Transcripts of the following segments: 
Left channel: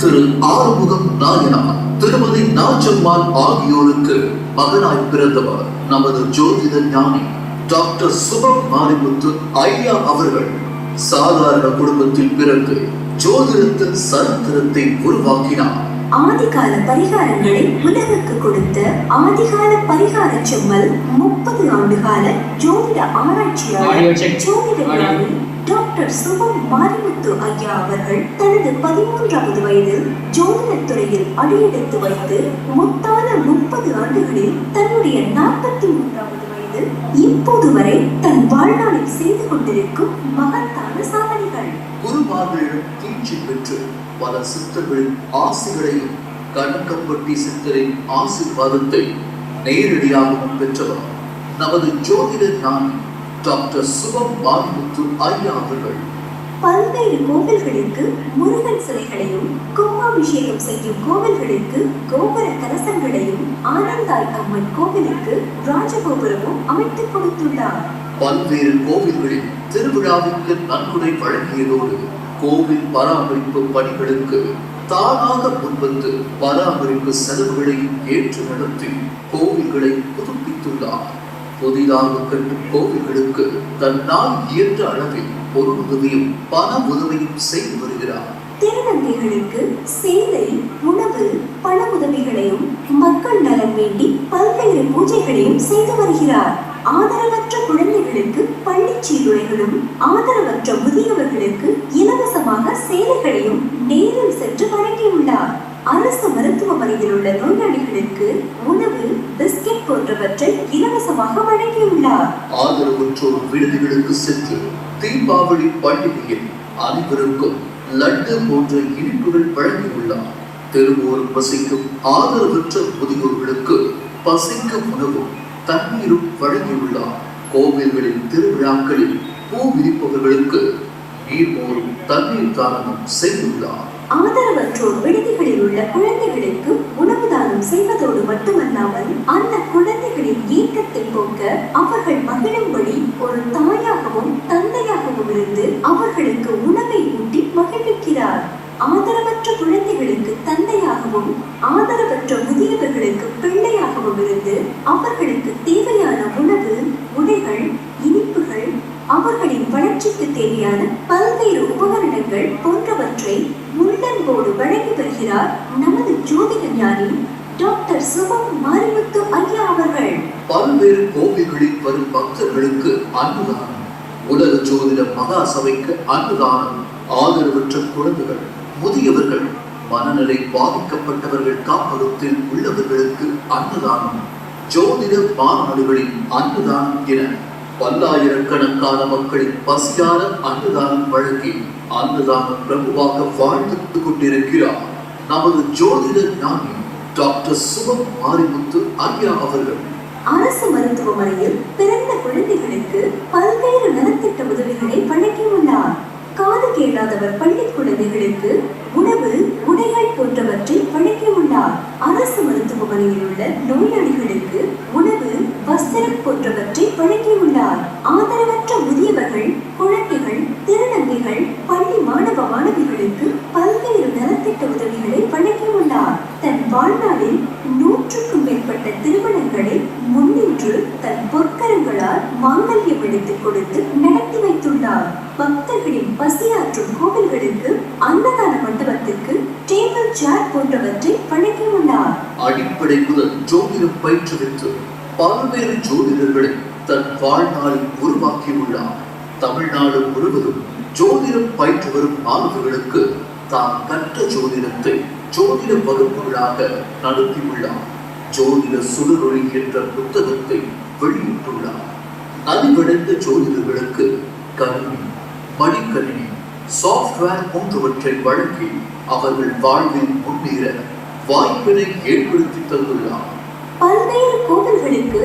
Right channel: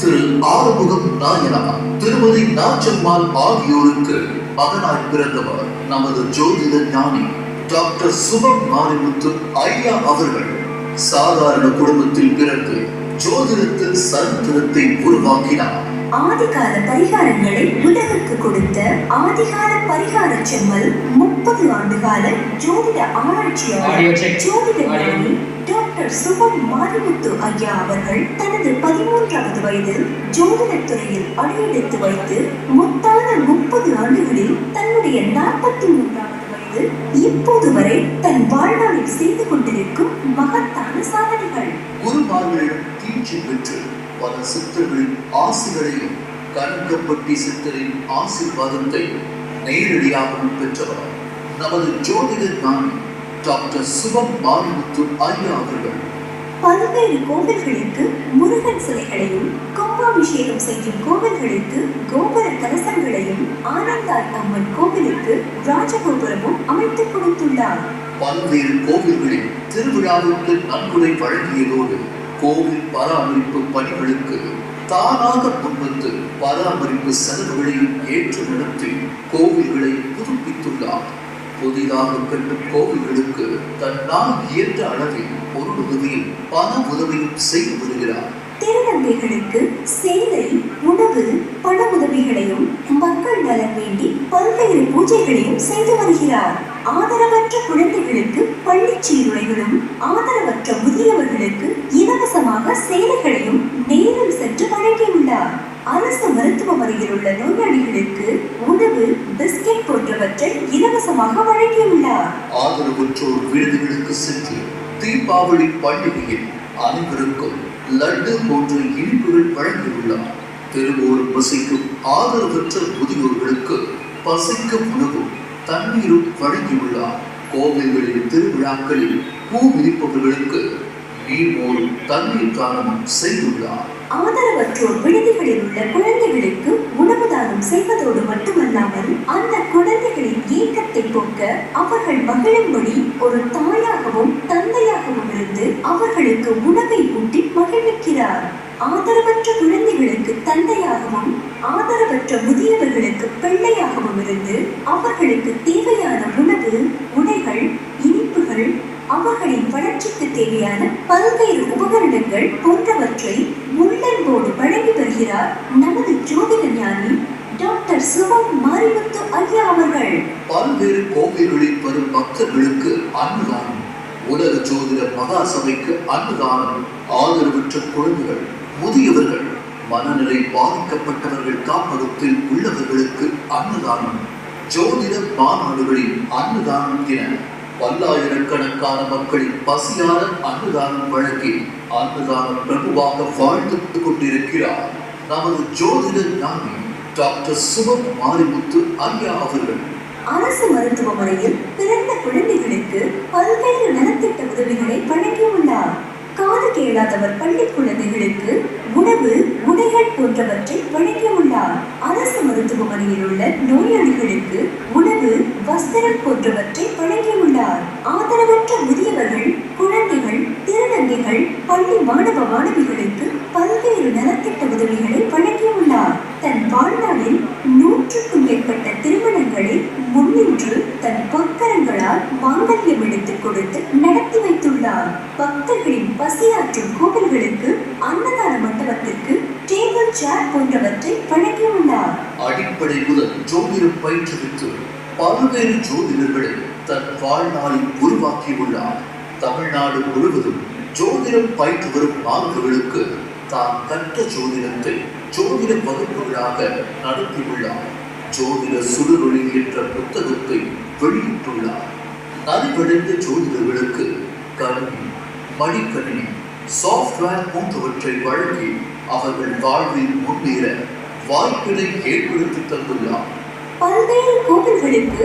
திரு ஆறுமுகம் நாயனார் திருமதி நாச்சம்மாள் ஆகியோருக்கு மகனாய் பிறந்தவர் நமது ஜோதிட ஞானி டாக்டர் சுபம் மாரிமுத்து ஐயா அவர்கள் சாதாரண குடும்பத்தில் பிறந்து ஜோதிடத்தின் சரித்திரத்தை உருவாக்கினார் ஆதிகால பரிகாரங்களை உலகுக்கு கொடுத்த ஆதிகால பரிகார செம்மல் முப்பது ஆண்டுகால ஜோதிட ஆராய்ச்சியாளர். ஜோதிட. ஞானி டாக்டர் சுபம் மாரிமுத்து ஐயா அவர்கள் தனது பதிமூன்றாவது வயதில் ஜோதிடத் துறையில் அடியெடுத்து வைத்து முத்தான முப்பது ஆண்டுகளில் தன்னுடைய நாற்பத்தி மூன்றாவது வயதில் இப்போது வரை தன் வாழ்நாளில் செய்து கொண்டிருக்கும் மகத்தான சாதனைகள். குருமார்கள் தீட்சி பெற்று பல சித்தர்களின் ஆசிகளையும் கண்கப்பட்டி சித்தரின் ஆசீர்வாதத்தை நேரடியாகவும் பெற்றவர். நமது ஜோதிட ஞானி டாக்டர் சுபம் மாரிமுத்து ஐயா அவர்கள். பல்வேறு கோவில்களுக்கு முருகன் சிலைகளையும் கும்பாபிஷேகம் செய்யும் கோவில்களுக்கு கோபுர கலசங்களையும் ஆனந்தாய் அம்மன் கோவிலுக்கு ராஜகோபுரமும் அமைத்துக் கொடுத்துள்ளார். பல்வேறு கோவில்களில் திருவிழாவுக்கு நன்கொடை வழங்கியதோடு கோவில் பராமரிப்பு பணிகளுக்கு தானாக முன்வந்து பராமரிப்பு செலவுகளை ஏற்று நடத்தி கோவில்களை புதுப்பித்துள்ளார் புதிதாக கட்டும் கோவில்களுக்கு தன்னால் இயன்ற அளவில் ஒரு உதவியும் பண உதவியும் செய்து வருகிறார். திருநங்கைகளுக்கு சேவை உணவு பண உதவிகளையும் மக்கள் நலன் வேண்டி பல்வேறு பூஜைகளையும் செய்து வருகிறார். ஆதரவற்ற குழந்தைகளுக்கு பள்ளிச் சீருடைகளும் ஆதரவற்ற முதியவர்களுக்கு இலவசமாக சேவைகளையும் நேரில் சென்று வழங்கியுள்ளார் அரசு மருத்துவமனையில் உள்ள நோயாளிகளுக்கு உணவு பிஸ்கெட் போன்றவற்றை இலவசமாக வழங்கியுள்ளார் ஆதரவற்றோர் விடுதிகளுக்கு சென்று தீபாவளி பண்டிகையில் அனைவருக்கும் லட்டு போன்ற இனிப்புகள் வழங்கியுள்ளார். திருவோர் பசிக்கும் ஆதரவற்ற முதியோர்களுக்கு பசிக்க உணவும் தண்ணீரும் வழங்கியுள்ளார். கோவில்களின் திருவிழாக்களில் பூ விரிப்பவர்களுக்கு நீர்மோரும் தண்ணீர் தானமும் செய்துள்ளார். ஆதரவற்றோர் விடுதிகளில் உள்ள குழந்தைகளுக்கு உணவு தானம் செய்வதோடு மட்டுமல்லாமல் அந்த ஏக்கத்தை அவர்கள் மகிழும்படி ஒரு தாயாகவும் தந்தையாகவும் இருந்து அவர்களுக்கு உணவை ஊட்டி மகிழ்விக்கிறார். ஆதரவற்ற குழந்தைகளுக்கு தந்தையாகவும் ஆதரவற்ற முதியவர்களுக்கு பிள்ளையாகவும் இருந்து அவர்களுக்கு தேவையான உணவு உடைகள் இனிப்புகள் அவர்களின் வளர்ச்சிக்கு தேவையான பல்வேறு உபகரணங்கள் போன்றவற்றை உள்ளன்போடு வழங்கி வருகிறார் நமது ஜோதிட ஞானி டாக்டர் சுபம் மாரிமுத்து ஐயா அவர்கள். பல்வேறு கோவில்களில் வரும் பக்தர்களுக்கு அன்னதானம். உலக ஜோதிட மகா சபைக்கு அன்னதானம் ஆதரவற்ற குழந்தைகள் முதியவர்கள் மனநிலை பாதிக்கப்பட்டவர்கள் காப்பகத்தில் உள்ளவர்களுக்கு அன்னதானம். ஜோதிட மாநாடுகளின் அன்னதானம் என பல்லாயிரக்கணக்கான மக்களின் பசியான அன்னதானம் வழங்கி அன்னதானம் பிரபுவாக வாழ்ந்து கொண்டிருக்கிறார் நமது ஜோதிட ஞானி டாக்டர் சிவம் மாரிமுத்து ஐயா அவர்கள். அரசு மருத்துவமனையில் பிறந்த குழந்தைகளுக்கு பல்வேறு நலத்திட்ட உதவிகளை வழங்கியுள்ளார். காது கேளாதவர் பள்ளி குழந்தைகளுக்கு உணவு உடைகள் போன்றவற்றை வழங்கியுள்ளார் அரசு மருத்துவமனையில் உள்ள நோயாளிகளுக்கு உணவு வஸ்திரம் போன்றவற்றை வழங்கியுள்ளார் ஆதரவற்ற முதியவர்கள் குழந்தைகள் திருநங்கைகள் பள்ளி மாணவ மாணவிகளுக்கு பல்வேறு நலத்திட்ட உதவிகளை வழங்கியுள்ளார் தன் வாழ்நாளில் நூற்றுக்கும் மேற்பட்ட திருமணங்களை முன்னின்று தன் பொற்கரங்களால் மாங்கல்யம் எடுத்துக் கொடுத்து நடத்தி வைத்துள்ளார். பக்தர்களின் பசியாற்றும் கோவில்களுக்கு அன்னதான மண்டபத்திற்கு டேபிள் சேர் போன்றவற்றை வழங்கியுள்ளார். அடிப்படை முதல் ஜோதிடம் பயிற்றுவித்து பல்வேறு ஜோதிடர்களை தன் வாழ்நாளில் உருவாக்கியுள்ளார். தமிழ்நாடு முழுவதும் ஜோதிடம் பயிற்று வரும் மாணவர்களுக்கு தான் கற்ற ஜோதிடத்தை ஜோதிட வகுப்புகளாக நடத்தியுள்ளார். ஜோதிட சுடுகொழி என்ற புத்தகத்தை வெளியிட்டுள்ளார். அறிவடைந்த ஜோதிடர்களுக்கு கணினி மடிக்கணினி சாஃப்ட்வேர் போன்றவற்றை வழங்கி அவர்கள் வாழ்வில் முன்னேற வாய்ப்பினை ஏற்படுத்தி தந்துள்ளார். பல்வேறு கோவில்களுக்கு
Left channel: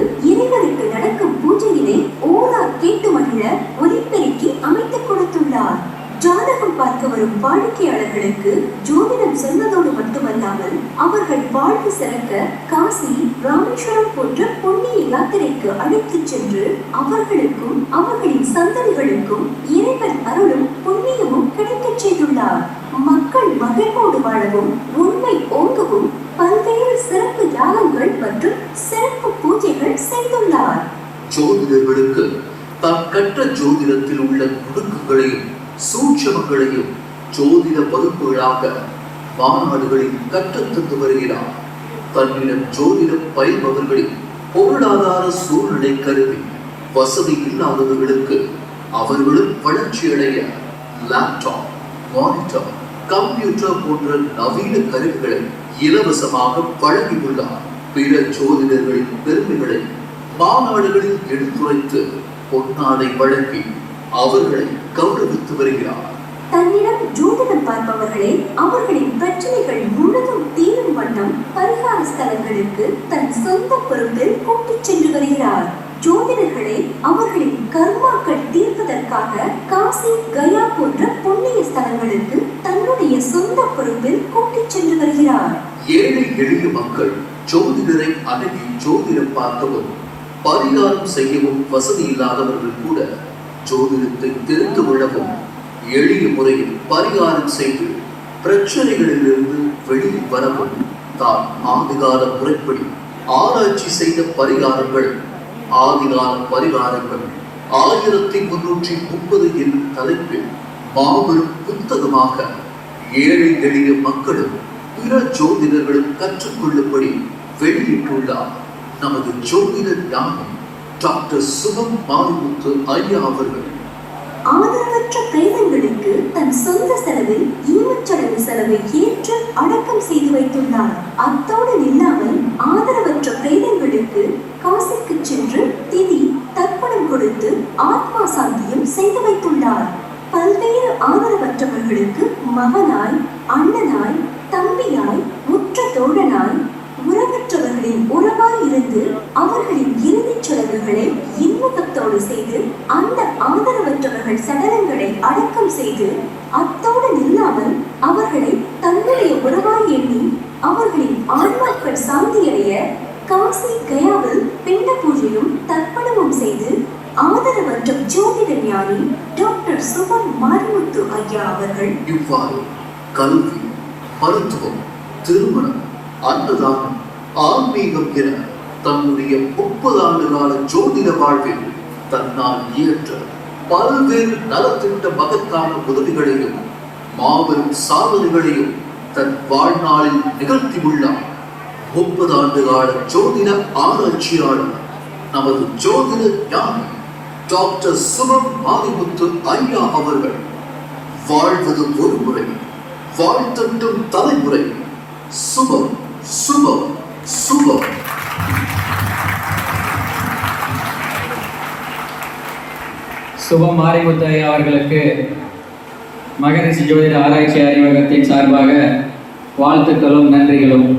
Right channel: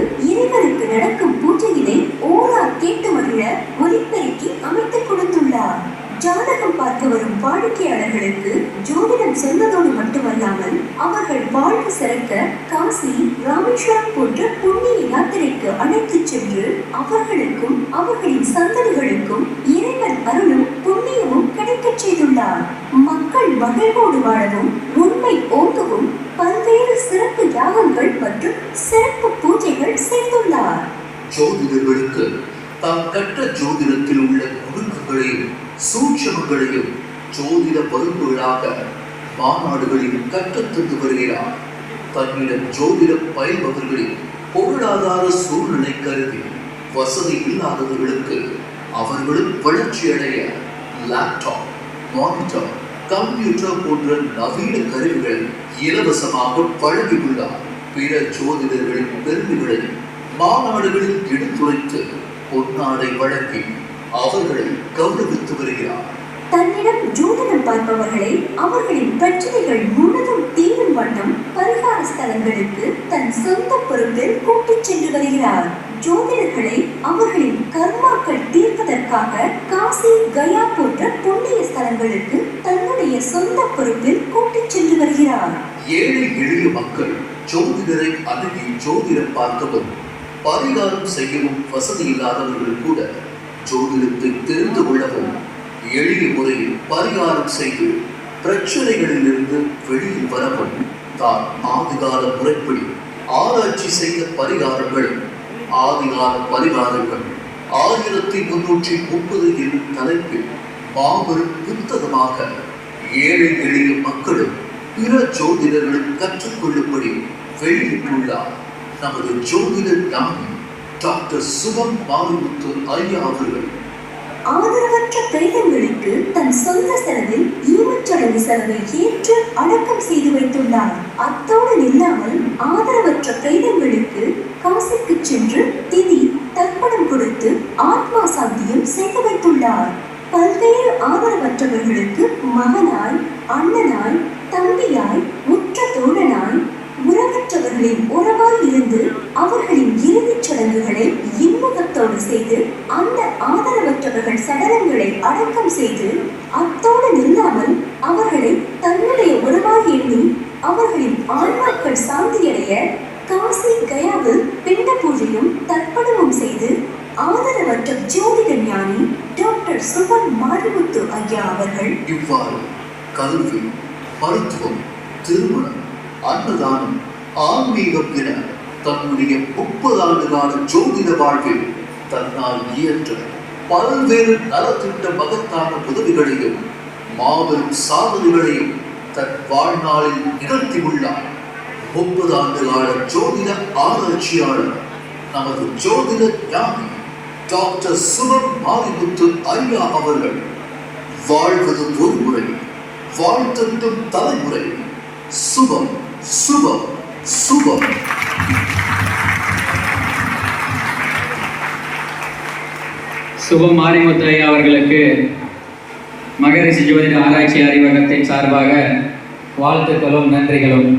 சென்று அவர்களுக்கும் அவர்களின் சந்ததிகளுக்கும் இறைவன் அருளும் புண்ணியமும் கிடைக்கச் செய்துள்ளார். மக்கள் மகிழ்வோடு வாழவும் உண்மை ஓங்கவும் பல்வேறு சிறப்பு யாகங்கள் மற்றும் சிறப்பு பூஜைகள் செய்துள்ளார். ஜோதிடர்களுக்கு தாம் கற்ற ஜோதிடத்தில் உள்ள நுணுக்கங்களையும் சூட்சமங்களையும் ஜோதிட வகுப்புகளாக மாநாடுகளில் கற்றுத்தந்து வருகிறார் தன்னிடம் ஜோதிடம் பயில்பவர்களின் பொருளாதார சூழ்நிலை கருதி வசதி இல்லாதவர்களுக்கு அவர்களும் வளர்ச்சியடைய லேப்டாப் மானிட்டர் கம்ப்யூட்டர் போன்ற நவீன கருவிகளை இலவசமாக வழங்கியுள்ளார் பிற ஜோதிடர்களின் பெருமைகளை மாநாடுகளில் எடுத்துரைத்து பொன்னாடை வழங்கி அவர்களை கௌரவித்து வருகிறார். தன்னிடம் ஜோதிடம் பார்ப்பவர்களே அவர்களின் பிரச்சனைகள் முழுதும் தீரும் வண்ணம் பரிகார ஸ்தலங்களுக்கு தன் சொந்த பொறுப்பில் கூட்டிச் சென்று வருகிறார். ஜோதிடர்களை அவர்களின் கர்மாக்கள் தீர்ப்பதற்காக காசி கயா போன்ற புண்ணிய ஸ்தலங்களுக்கு தன்னுடைய சொந்த பொறுப்பில் கூட்டிச் சென்று வருகிறார். ஏழை எளிய மக்கள் ஜோதிடரை அணுகி ஜோதிடம் பார்க்கவும் பரிகாரம் செய்யவும் வசதி இல்லாதவர்கள் கூட ஜோதிடத்தை தெரிந்து கொள்ளவும் எளிய முறையில் பரிகாரம் செய்து பிரச்சனைகளிலிருந்து வெளியில் வரவும். தான் ஆதிகால முறைப்படி ஆராய்ச்சி செய்த பரிகாரங்கள். ஆதிகால பரிகாரங்கள் ஆயிரத்தி முன்னூற்றி முப்பது என்னும் தலைப்பில் மாபெரும் புத்தகமாக ஏழை எளிய மக்களும் பிற ஜோதிடர்களும் கற்றுக்கொள்ளும்படி வெளியிட்டுள்ளார். நமது ஜோதிடர் ஞானி டாக்டர் சுகம் மாரிமுத்து ஐயா அவர்கள். ஆதரவற்ற பிரேதங்களுக்கு தன் சொந்த செலவில் ஈமச்சடங்கு செலவை ஏற்று அடக்கம் செய்து வைத்துள்ளார். அத்தோடு நில்லாமல் ஆதரவற்ற பிரேதங்களுக்கு காசிக்கு சென்று திதி தர்ப்பணம் கொடுத்து ஆத்மா சாந்தியும் செய்து வைத்துள்ளார். பல்வேறு ஆதரவற்றவர்களுக்கு மகனாய் அண்ணனாய் தம்பியாய் முற்ற தோழனாய் உறவற்றவர்களின் உறவாய் இருந்து அவர்களின் இறுதிச் சடங்குகளை இன்முகத்தோடு செய்து அந்த ஆதரவு அடக்கம் செய்து அத்தோடு நில்லாமல் அவர்களை தன்னுடைய உறவாக எண்ணி அவர்களின் ஆன்மாக்கள் சாந்தியடைய காசி கயாவில் பிண்ட பூஜையும் தர்ப்பணமும் செய்து ஆதரவற்ற ஜோதிட ஞானி டாக்டர் சுபன் மாரிமுத்து ஐயா அவர்கள். இவ்வாறு கல்வி மருத்துவம் திருமணம் அன்னதானம் ஆன்மீகம் என தன்னுடைய முப்பது ஆண்டு கால ஜோதிட வாழ்வில் தன்னால் இயற்ற பல்வேறு நலத்திட்ட மகத்தான உதவிகளையும் மாபெரும் சாதனைகளையும் தன் வாழ்நாளில் நிகழ்த்தியுள்ளார். முப்பது ஆண்டு கால ஜோதிட ஆராய்ச்சியாளர் நமது ஜோதிட ஞானி டாக்டர் சுமன் மாரிமுத்து ஐயா அவர்கள் வாழ்வது ஒரு முறை வாழ்த்தட்டும் தலைமுறை. சுபம் சுபம் சுபம். சுப மாரிமுத்தையா அவர்களுக்கு மகரிஷி ஜோதிட ஆராய்ச்சி அறிவகத்தின் சார்பாக வாழ்த்துக்களும் நன்றிகளும்.